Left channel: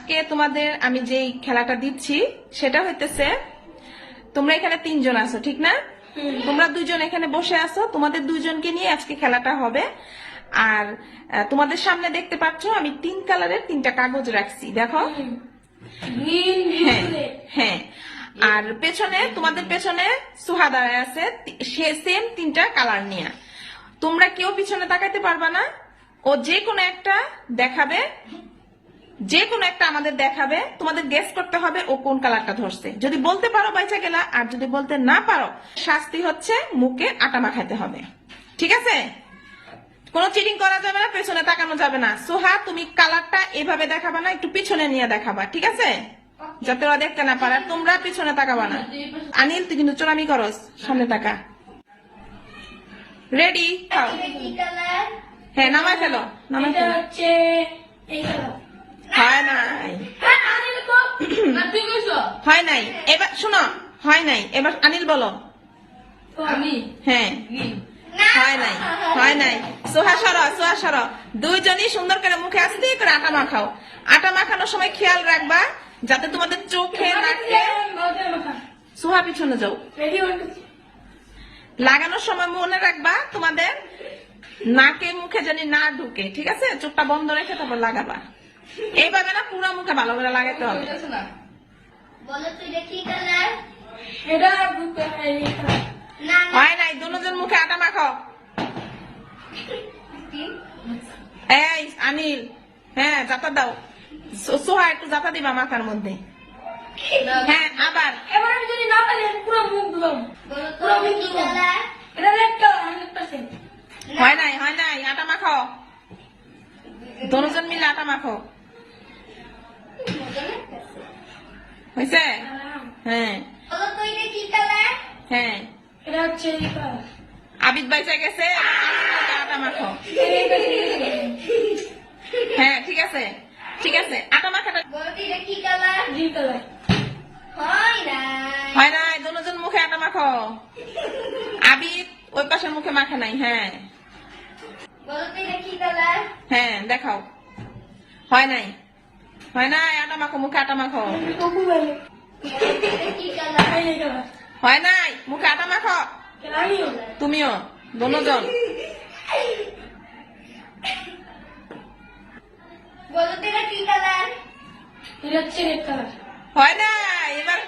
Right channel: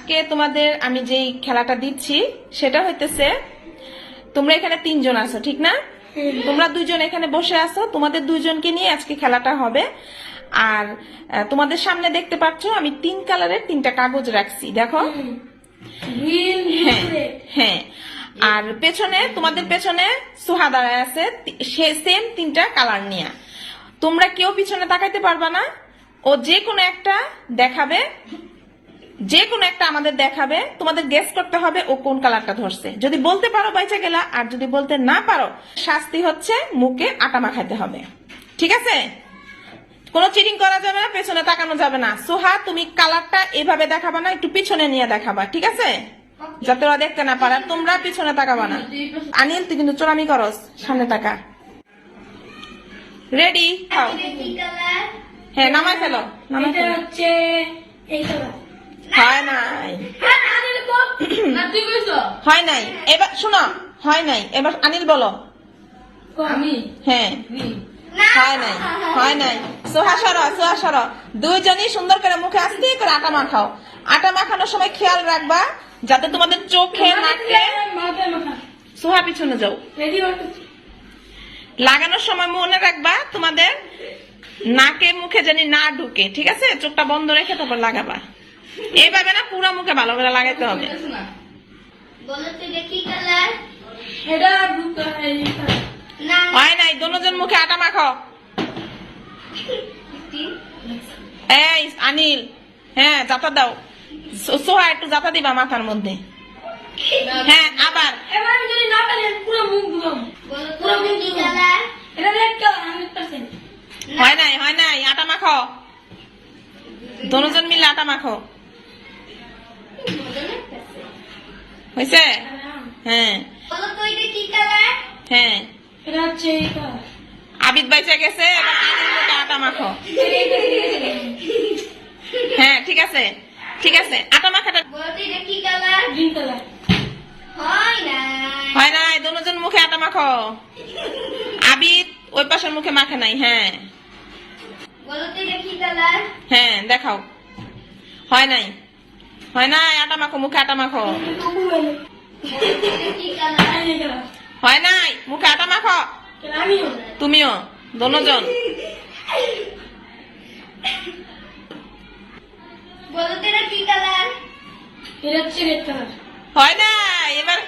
আজকে তোমাদের আমি যেই খেলাটা দিচ্ছি সেটা হইতেছে, তোমরা এখানে 3 জন আছো ঠিক না? তোমরা 2 জন এখানে বসে আছো, তোমাদের 2 জনকে নিয়ে আজকে খেলাটা হবে। আর তোমাদের সামনে দেখতে পাচ্ছ আমি 3 কালারের 3টা কাগজ রাখছি, দেখো। হ্যাঁ হ্যাঁ, আর পেছনে তোমাদের পেছনে সুহা দাঁড়ায় আছে, সে সেম 3টা কালার নিয়ে। তোমরা কেউ পিছনে তাকাইতে পারবা না, ও যে কোনো একটা দেখাবে, যে কোনো একটা আমাদের দেখাবে, তোমাদের গেস করতে হবে ও কোন কালারটা ধরছে। যদি বলতে পারো বাইচা গেলা, আর যদি বলতে না পারো শাস্তি হচ্ছে মুখে আটা মাখাতে হবে, ঠিক আছে? কোনো চিটিং করা যাবে না, পেছনে তাকানো যাবে না। সোহা তুমি কালারটা এভাবে দেখাবা না, একটু পিছনে নিয়ে দেখাবা, ঠিক আছে? যাতে ওরা দেখতে না পারে, তোমরা পিছনে তাকাবা না। আনিল তুই কিন্তু চোরামি করস, সামনে তাকা। রেডি? হ্যাঁ নামায় ফেলো, নামায় ফেলো। হয় নাই, হয় নাই, এবার শুনো, হয় নাই, এবার আনিল বলো। হ্যাঁ হয় নাই, হয় নাই। সোহা সরো, সোহা সরো। 2 জনই সুন্দর করে মুখে আস্তে করে আটা মাখাও। আটা মাখানোর সময় খেয়াল রাখবা যাতে তোমাদের চোখে নাকে, সোহা পিছনে যাও, লাগানোর সময় মনে রাখবা তোমাদের নাকে মুখে জানি না ঢুকে, ঠিক আছে? চোখটা বন্ধ রেখে তারপর লাগাবা। এইভাবে না, পুরো মুখে ভালো করে লাগাইতে হবে। হয় নাই, দুজন মুখে আটা মাখো। এই আনিল, হ্যাঁ জাতা দাও। সোহা একটু জাতা দিবা মাথার মধ্যে। হ্যাঁ আবার। হয় নাই, হয় নাই, আটা মাখো। দুজন মিলে আটা মাখো। হয়েছে? হ্যাঁ হ্যাঁ, আবিদ বাইচা গেছে, আটা মাখো। হ্যাঁ ঠিক আছে, ঠিক আছে, আটা মাখাটা। হয় নাই, দুজন মুখে আটা মাখো। আবিদ ওই পাশের মুখে মাখে নাই। হ্যাঁ হ্যাঁ দেখাও। হয় নাই, হয় নাই, আটা মাখো, মুখে আটা মাখো। হয় নাই, মুখে আটা মাখো। তুমিও, দুজন। হয় নাই, এবার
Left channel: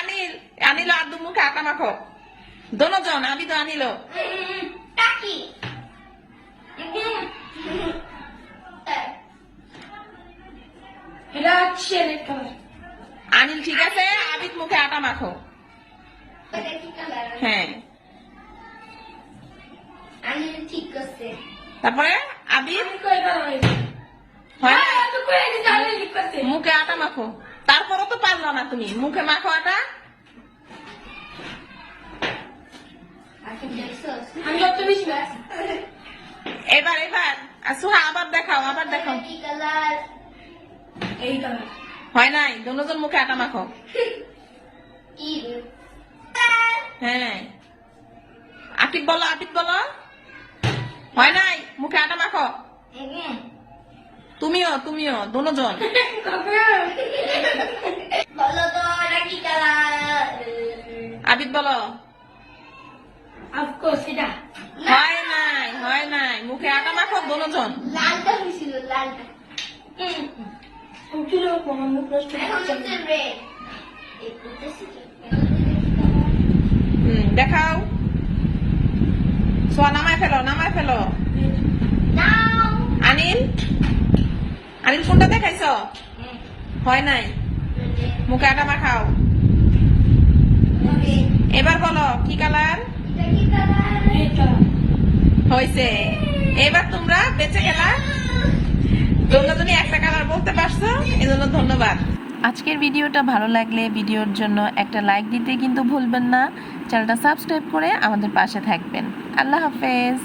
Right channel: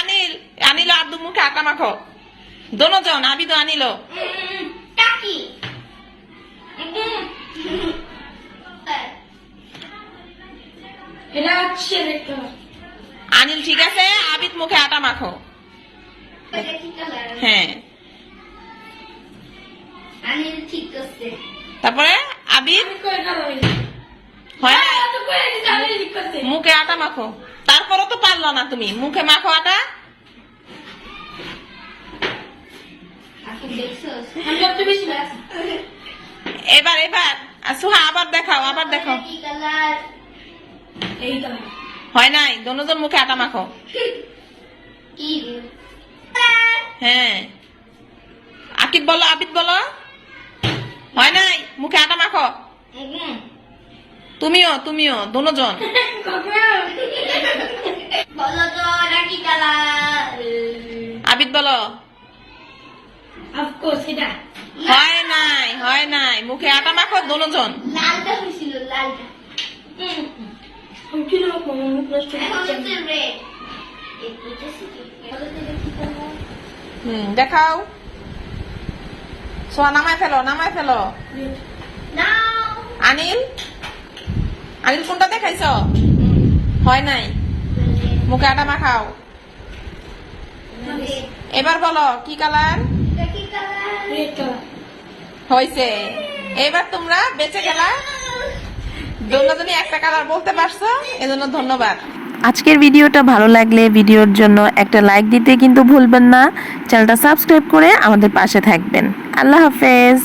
আনিল, আনিল আব্দু মুখে আটা মাখো। দুজন, আবি তো আনিল। আনিল ঠিক আছে, আবিদ মুখে আটা মাখো। হ্যাঁ তারপরে আবিদ, হয় নাই, মুখে আটা মাখো। তারপরও তো পারলো না তুমি, মুখে মাখো আটা। এবার এবার সুহা আবার দেখাও, আবার দেখাও। হয় নাই, দুজন মুখে আটা মাখো। হ্যাঁ আকিব বলো, আবিদ বলো। হয় নাই, মুখে আটা মাখো। তুমিও, তুমিও, দুজন। আবিদ বলো। হয় নাই, হয় নাই, মুখে আটা মাখো, দুজন। দেখাও। সোয়া নামায় ফেলো, নামায় ফেলো। আনিল, আনিল কোনটা দেখাইছ? হয় নাই, মুখে আটা মাখাও। এবার বলো কি কালার হয়েছে। এবার তোমরা বেঁচে গেলা, দুজনই একটা কালার বলতে পারছো, এজন্য ধন্যবাদ। আজকের ভিডিওটা ভালো লাগলে ভিডিওর জন্য একটা লাইক দিতে কিন্তু ভুলবেন না। চ্যানেলটা সাবস্ক্রাইব করে আমাদের পাশে থাকবেন। আল্লাহ হাফেজ।